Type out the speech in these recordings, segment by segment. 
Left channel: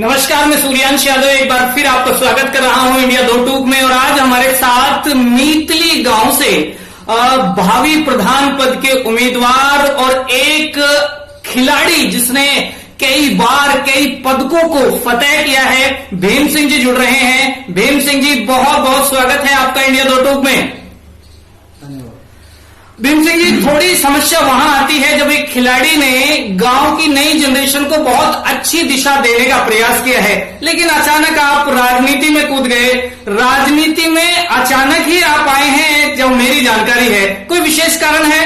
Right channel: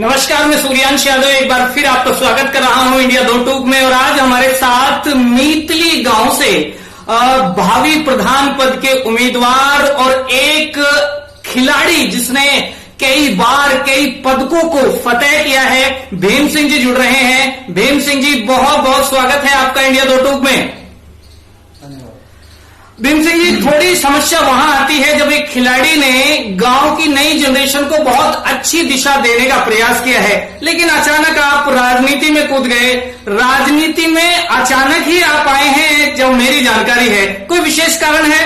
नमस्कार, मैं सूर्यांश यादव एक बार फिर आपका स्वागत कर रहा हूं इंडिया 2 टूक में। और आज हमारे साथ मीतली गांव से भावी प्रधान पद के उम्मीदवार और एक खिलाड़ी जिसने कई बार कई पदकों को फतेह किया है, भीम सिंह जी जुड़ रहे हैं। भीम सिंह जी, बहुत बहुत स्वागत है आपका इंडिया 2 टूक में। भीम सिंह जी, थोड़ी समस्या वहां आती है जब एक खिलाड़ी ने गांव की नई जनरेशन को बहुत अच्छी दिशा देने का प्रयास किया है, लेकिन अचानक आप राजनीति में कूद गए। राजनीति में अचानक ही आप आए हैं, जो मेरी जानकारी है, कोई विशेष कारण है?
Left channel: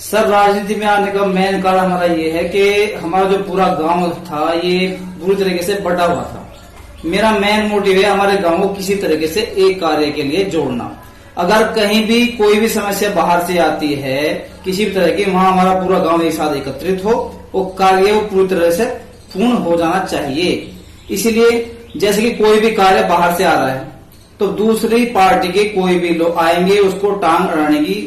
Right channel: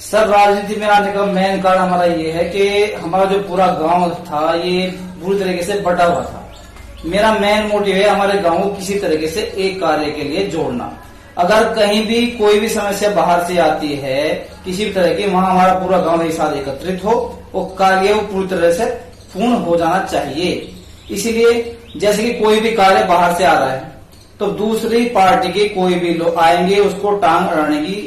सर, राजनीति में आने का मेन कारण हमारा ये है कि हमारा जो पूरा गांव था ये पूरी तरीके से बटा हुआ था। मेरा मेन मोटिव है हमारे गांव को किसी तरीके से एक कार्य के लिए जोड़ना। अगर कहीं भी कोई भी समस्या बाहर से आती है किसी भी तरह की, वहां हमारा पूरा गांव एक साथ एकत्रित हो, वो कार्य वो पूरी तरह से पूर्ण हो जाना चाहिए। इसीलिए जैसे कि कोई भी कार्य बाहर से आ रहा है तो दूसरी पार्टी के कोई भी लोग आएंगे, उसको टांग अड़ाने की,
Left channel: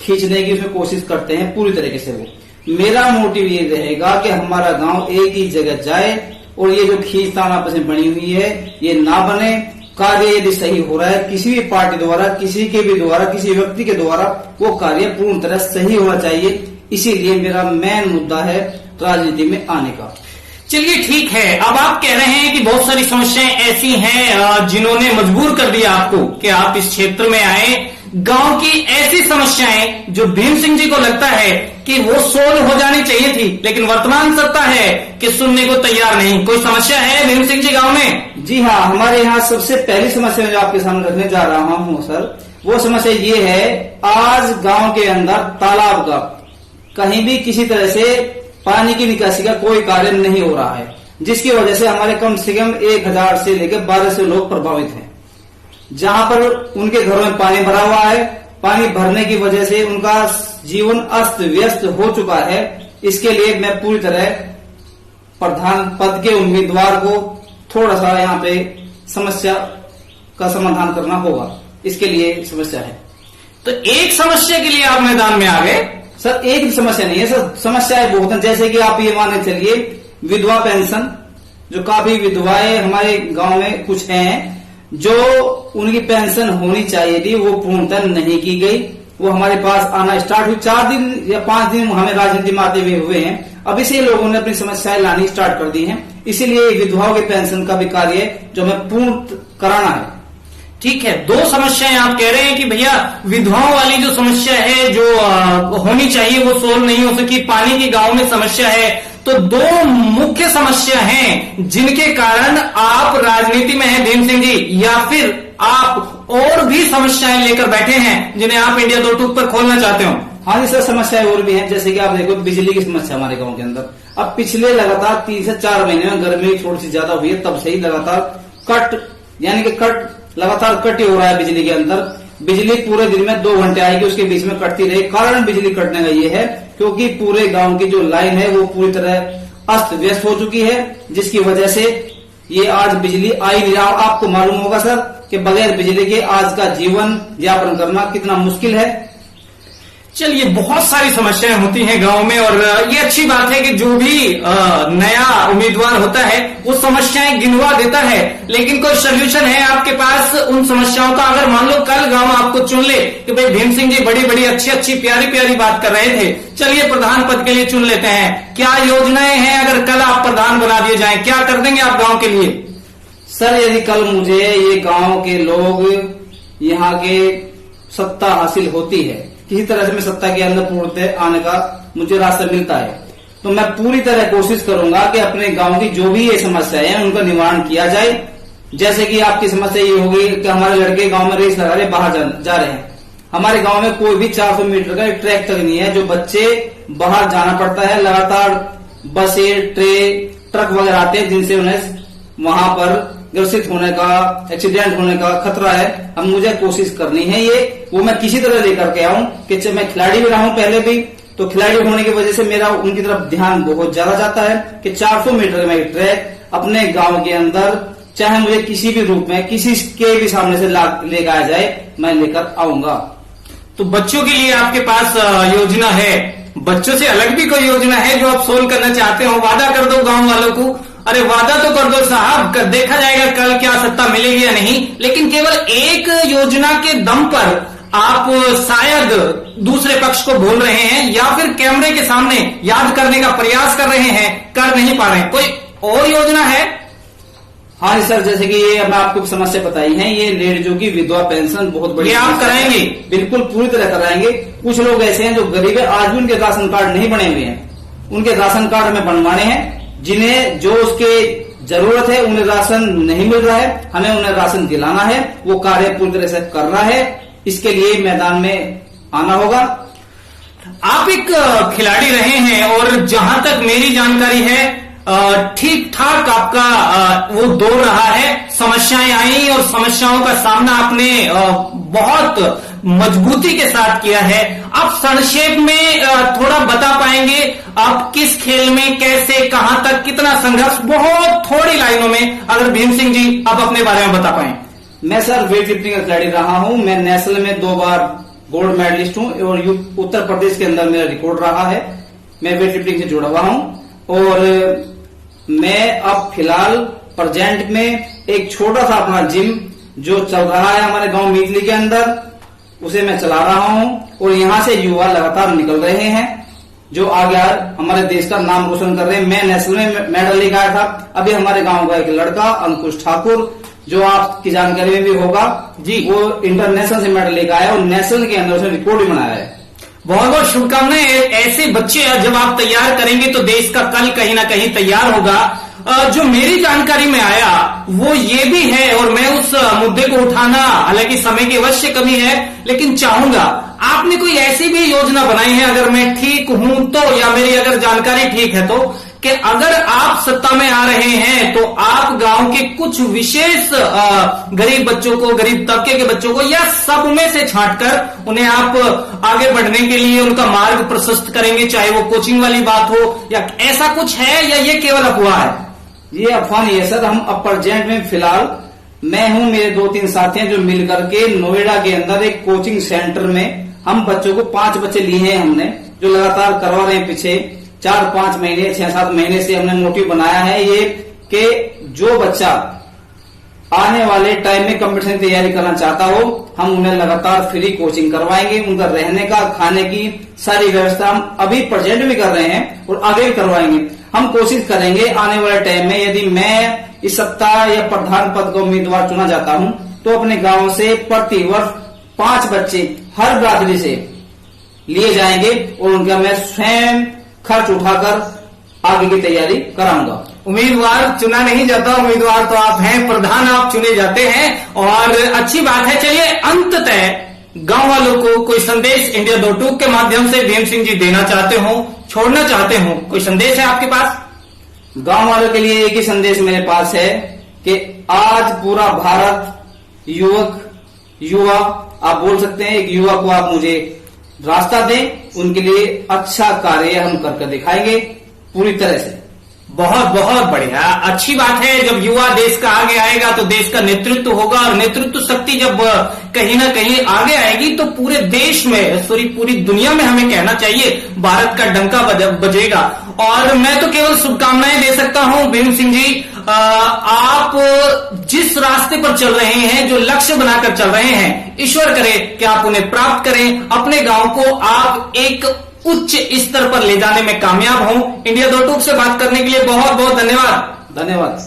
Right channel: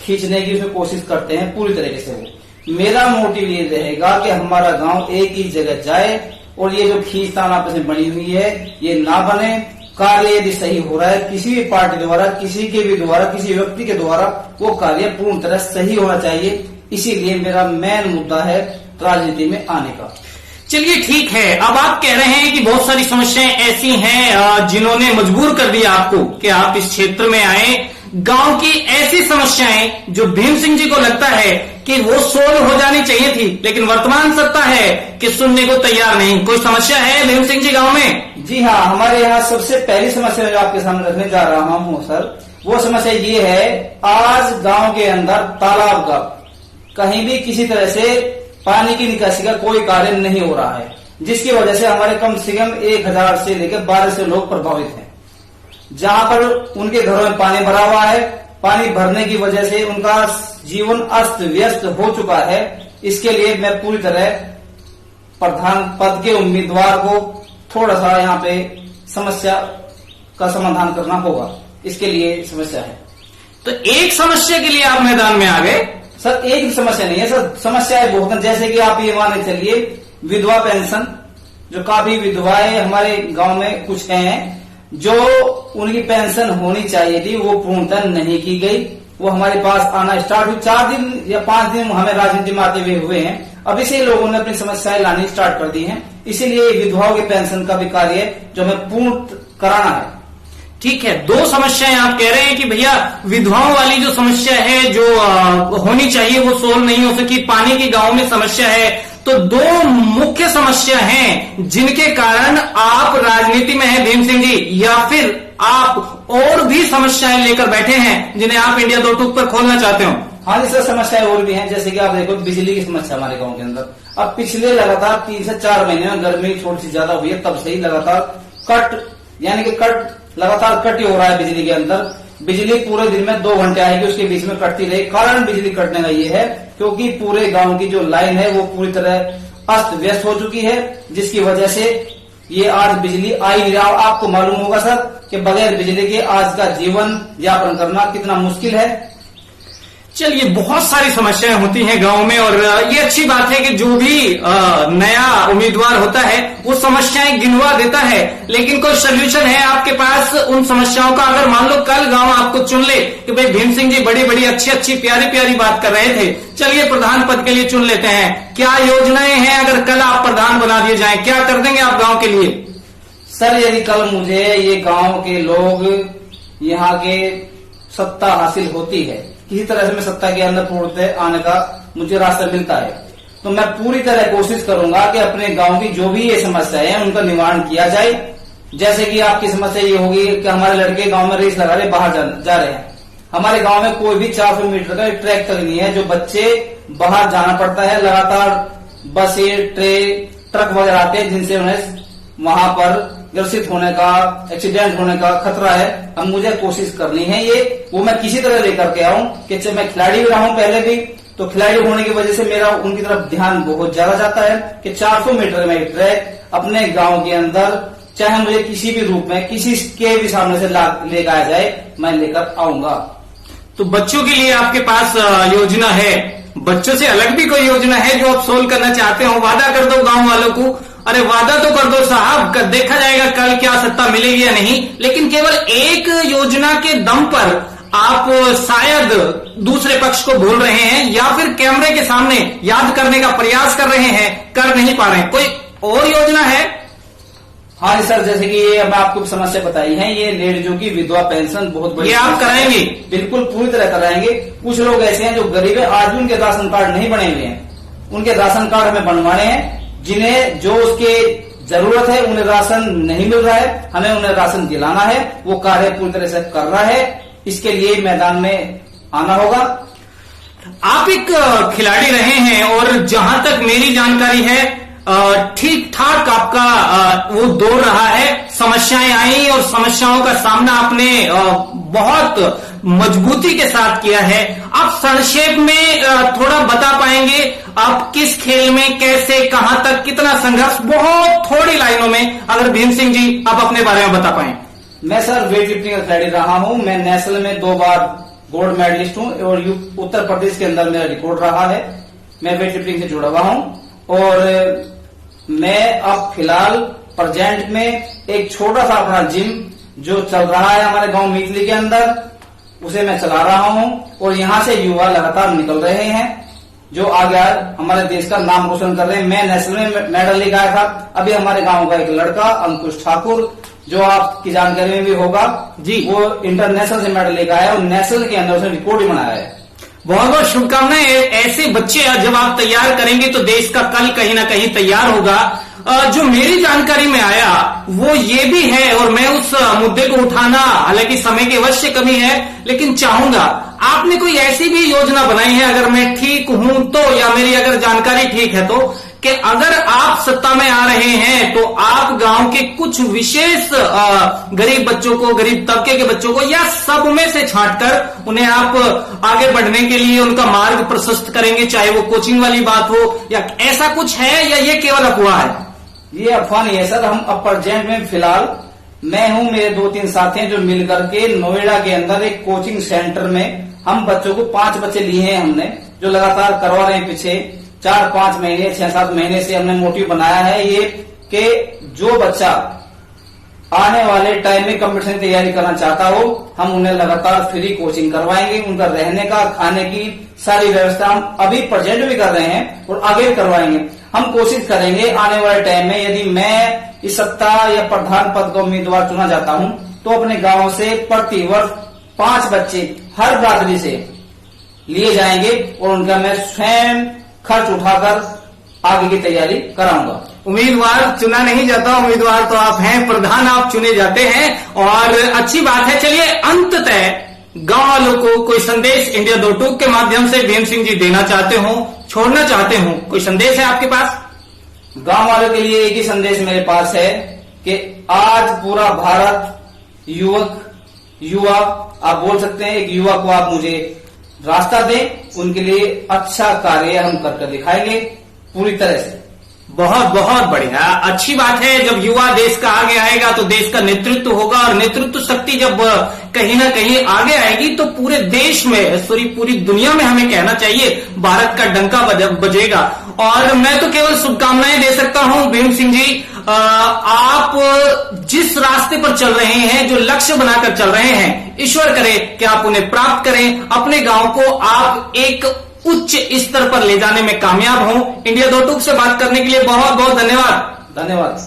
खींचने की उसमें कोशिश करते हैं पूरी तरीके से। वो मेरा मोटिव ये रहेगा कि हमारा गांव एक ही जगह जाए और ये जो खींचतान आपस में बनी हुई है ये ना बने। कार्य यदि सही हो रहा है किसी भी पार्टी द्वारा, किसी के भी द्वारा, किसी व्यक्ति के द्वारा, वो कार्य पूर्ण तरह सही होना चाहिए। इसीलिए मेरा मेन मुद्दा है राजनीति में आने का। चलिए ठीक है, अब आप कह रहे हैं कि बहुत सारी समस्याएं ऐसी हैं जिन्होंने मजबूर कर दिया आपको कि आप इस क्षेत्र में आए। गांव की ऐसी समस्याएं जो भीम सिंह जी को लगता है कि वो सोल्व हो जानी चाहिए थी, लेकिन वर्तमान सत्ता है कि सुनने को तैयार नहीं। कोई समस्या है भीम सिंह जी गांव में? जी हाँ, हमारे यहाँ सबसे पहली समस्या जो आपके सामने रखने जा रहा हूँ सर, वो समस्या ये है, आज गांव के अंदर तालाब का कहीं भी किसी तरह से पानी की निकासी का कोई कार्य नहीं हो रहा है, जिसकी वजह से हमारे कम से कम 1000 से लेकर 1200 लोग प्रभावित हैं। जहां पर उनके घरों में पानी भरा हुआ है, पानी भरने की वजह से उनका जीवन अस्त व्यस्त हो चुका है। इसके लिए मैं पूरी तरह प्रधान पद के उम्मीदवार को थोड़ा सा यहाँ पे समस्या का समाधान करना होगा। इसके लिए समस्या है। तो एक समस्या के लिए आप मैदान में आ गए? सर, एक भी समस्या नहीं है सर, समस्याएं बहुत हैं। जैसे कि आप ये माने चलिए, विधवा पेंशन, जो काफी विधवाएं हमारे गांव में कुछ हैं जो उनकी पेंशन होनी चाहिए थी, वो पूर्णतः नहीं की गई। वो हमारे पास आना स्टार्ट हुई, 4 दिन या 5 दिन हमें राजनीति में आते हुए हैं। अब इसी लोगों ने अपनी समस्याएं लानी स्टार्ट कर दी हैं। इसीलिए विधवाओं के पेंशन का भी कार्य जो हमें पूर्ण कराना है। ठीक है, 2 समस्याएं आप कह रहे हैं कि भैया विधवाओं वाली जो समस्या है जो होनी चाहिए वो सोल्व नहीं हो सकी, पानी की गांव में समस्या है। तो 2 मुख्य समस्या हैं जिनके कारण आप राजनीति में हैं भीम सिंह जी, या फिर आप और भी समस्याएं लेकर बैठे हैं जिन्हें आप इंडिया 2 टूक पर खोलना चाहते हो? हाँ जी सर, समस्याएं और भी हैं। जैसे कि आप देखो, बिजली की समस्या हमारे गांव के अंदर अब पिछले लगातार 3 से 4 महीने में गर्मी थोड़ी सी ज्यादा हुई है, तब से ही लगातार कट लगातार कट हो रहा है बिजली के अंदर। बिजली पूरे दिन में 2 घंटे आएगी, उसके बीच में कटती रही। कारण बिजली कटने का ये है क्योंकि पूरे गांव की जो लाइन है वो पूरी तरह अस्त व्यस्त हो चुकी है, जिसकी वजह से ये आज बिजली आ ही नहीं रहा। आपको मालूम होगा सर कि बगैर बिजली के आज का जीवन यापन करना कितना मुश्किल है। चलिए, बहुत सारी समस्याएं होती हैं गांव में, और ये अच्छी बात है कि जो भी नया उम्मीदवार होता है वो समस्याएं गिनवा देता है, लेकिन कोई सोल्यूशन है आपके पास उन समस्याओं का? अगर मान लो कल गांव आपको चुन ले कि भाई भीम सिंह जी बड़ी बड़ी अच्छी अच्छी प्यारी प्यारी बात कर रहे थे, चलिए प्रधान पद के लिए चुन लेते हैं, क्या योजनाएं हैं? अगर कल आप प्रधान बना दिए जाए, क्या कर देंगे आप गांव के लिए? सर, यदि कल मुझे ये गांव के लोग यहाँ के सत्ता हासिल होती है, किसी तरह से मैं सत्ता के अंदर पूर्णतः आने का मुझे रास्ता मिलता है, तो मैं पूरी तरह कोशिश करूंगा कि अपने गांव की जो भी ये समस्याएं हैं उनका निवारण किया जाए। जैसे कि आपकी समस्या ये होगी कि हमारे लड़के गांव में रेस लगा रहे, बाहर जा रहे हैं। हमारे गांव में कोई भी 400 मीटर का ट्रैक तक नहीं है, जो बच्चे बाहर जाना पड़ता है। लगातार बसें, ट्रक वगैरह आते हैं जिनसे उन्हें वहां पर ग्रसित होने का, एक्सीडेंट होने का खतरा है। अब मुझे कोशिश करनी है वो मैं किसी तरह लेकर के आऊं कि मैं खिलाड़ी भी रहा हूं पहले भी, तो खिलाड़ी होने की वजह से मेरा उनकी तरफ ध्यान बहुत ज्यादा जाता है कि 400 मीटर में ट्रैक अपने गांव के अंदर, चाहे मुझे किसी भी रूप में किसी के भी सामने से लेकर आ जाए, मैं लेकर आऊंगा। तो बच्चों के लिए आपके पास योजना है, बच्चों से अलग भी कोई योजना है जो आप सोल्व करना चाहते हो? वादा कर दो गांव वालों को, अरे वादा तो कर दो साहब, देखा जाएगा कल क्या सत्ता मिलेगी या नहीं। लेकिन केवल एक योजना के दम पर आप शायद दूसरे पक्ष को भूल रहे हैं या फिर कैमरे के सामने याद करने का प्रयास कर रहे हैं, कर नहीं पा रहे हैं। कोई और योजना है? हाँ सर, जैसे कि ये अब आपको समस्या बताई है, ये लेडीजों की विधवा पेंशन बहुत बड़ी, ये आप कराएंगे? बिल्कुल पूरी तरह कराएंगे। कुछ लोग ऐसे हैं जो गरीब है, आज भी उनके राशन कार्ड नहीं बने हुए हैं, उनके राशन कार्ड हमें बनवाने हैं। जिन्हें जो उसके जरूरत है उन्हें राशन नहीं मिल रहा है, हमें उन्हें राशन दिलाना है। वो कार्य पूरी तरह से कर रहा है, इसके लिए मैदान में आना होगा। आप एक खिलाड़ी रहे हैं और जहां तक मेरी जानकारी है ठीक ठाक आपका वो दौर रहा है। समस्याएं आई और समस्याओं का सामना आपने बहुत मजबूती के साथ किया है। आप संक्षेप में थोड़ा बता पाएंगे आप किस खेल में कैसे, कहां तक, कितना संघर्ष, बहुत थोड़ी लाइनों में अगर भीम सिंह जी आप अपने बारे में बता पाएं। मैं सर वेट लिफ्टिंग का खिलाड़ी रहा हूं। मैं नेशनल में 2 बार गोल्ड मेडलिस्ट हूं और उत्तर प्रदेश के अंदर मेरा रिकॉर्ड रहा है। मैं वेट लिफ्टिंग से जुड़ा हुआ हूं और मैं अब फिलहाल प्रेजेंट में एक छोटा सा अपना जिम जो चल रहा है हमारे गांव मीतली के अंदर, उसे मैं चला रहा हूं और यहां से युवा लगातार निकल रहे हैं जो आगे हमारे देश का नाम रोशन कर रहे हैं। मैं नेशनल में मेडल लेकर आया था। अभी हमारे गांव का एक लड़का अंकुश ठाकुर, जो आपकी जानकारी में भी होगा जी, वो इंटरनेशनल से मेडल लेकर आया और नेशनल के अंदर उसने रिकॉर्ड भी बनाया है। बहुत बहुत शुभकामनाएं। ऐसे बच्चे जब आप तैयार करेंगे तो देश का कल कहीं ना कहीं तैयार होगा। जो मेरी जानकारी में आया वो ये भी है और मैं उस मुद्दे को उठाना, हालांकि समय की अवश्य कमी है, लेकिन चाहूंगा आपने कोई ऐसी भी योजना बनाई है, अगर मैं ठीक हूं तो, या मेरी अगर जानकारी ठीक है तो, कि अगर आप सत्ता में आ रहे हैं तो आप गांव के कुछ विशेष गरीब बच्चों को, गरीब तबके के बच्चों को, या सब में से छांटकर उन्हें आप आगे बढ़ने के लिए उनका मार्ग प्रशस्त करेंगे, चाहे वो कोचिंग वाली बात हो या ऐसा कुछ है, या ये केवल अफवाह है? ये अफवाह नहीं है सर। हम अब प्रेजेंट में फिलहाल मैं हूं, मेरे 2-3 साथी हैं जो मिल करके नोएडा के अंदर एक कोचिंग सेंटर में हम बच्चों को 5 बच्चे लिए हैं हमने, जो लगातार करवा रहे हैं। पीछे 4-5 महीने, 6-7 महीने से हमने मोटिव बनाया है ये कि जो बच्चा आने वाले टाइम में कंपटीशन की तैयारी करना चाहता हो, हम उन्हें लगातार फ्री कोचिंग करवाएंगे। उनका रहने का, खाने की सारी व्यवस्था हम अभी प्रेजेंट भी कर रहे हैं और आगे भी करवाएंगे। हम कोशिश करेंगे आने वाले टाइम में, यदि मैं इस सप्ताह या प्रधान पद का उम्मीदवार चुना जाता हूं, तो अपने गांव से प्रति वर्ष 5 बच्चे हर बरादरी से लिए जाएंगे और उनका मैं स्वयं खर्च उठाकर आगे की तैयारी कराऊंगा। उम्मीदवार चुना नहीं जाता, उम्मीदवार तो आप हैं, प्रधान आप चुने जाते हैं और अच्छी बात है। चलिए, अंततः गांव वालों को कोई संदेश इंडिया 2 के माध्यम से भीम सिंह जी देना चाहते हो, छोड़ना चाहते हो, कोई संदेश है आपके पास? गांव वालों के लिए एक ही संदेश मेरे पास है कि आज पूरा भारत युवा आप बोल सकते हैं, एक युवा को आप मुझे रास्ता दें, उनके लिए अच्छा कार्य हम करके दिखाएंगे पूरी तरह से। बहुत बहुत बढ़िया, अच्छी बात है। जब युवा देश का आगे आएगा तो देश का नेतृत्व होगा और नेतृत्व शक्ति जब कहीं ना कहीं आगे आएगी तो पूरे देश में, सॉरी पूरी दुनिया में हमें कहना चाहिए, भारत का डंका बजेगा। और मैं तो केवल शुभकामनाएं दे सकता हूं भीम सिंह जी। आप जिस रास्ते पर चल रहे हैं, जो लक्ष्य बनाकर चल रहे हैं, ईश्वर करे कि आप उन्हें प्राप्त करें, अपने गांव को आप एक उच्च स्तर पर ले जाने में कामयाब हों। इंडिया 2 से बात करने के लिए बहुत बहुत धन्यवाद। धन्यवाद।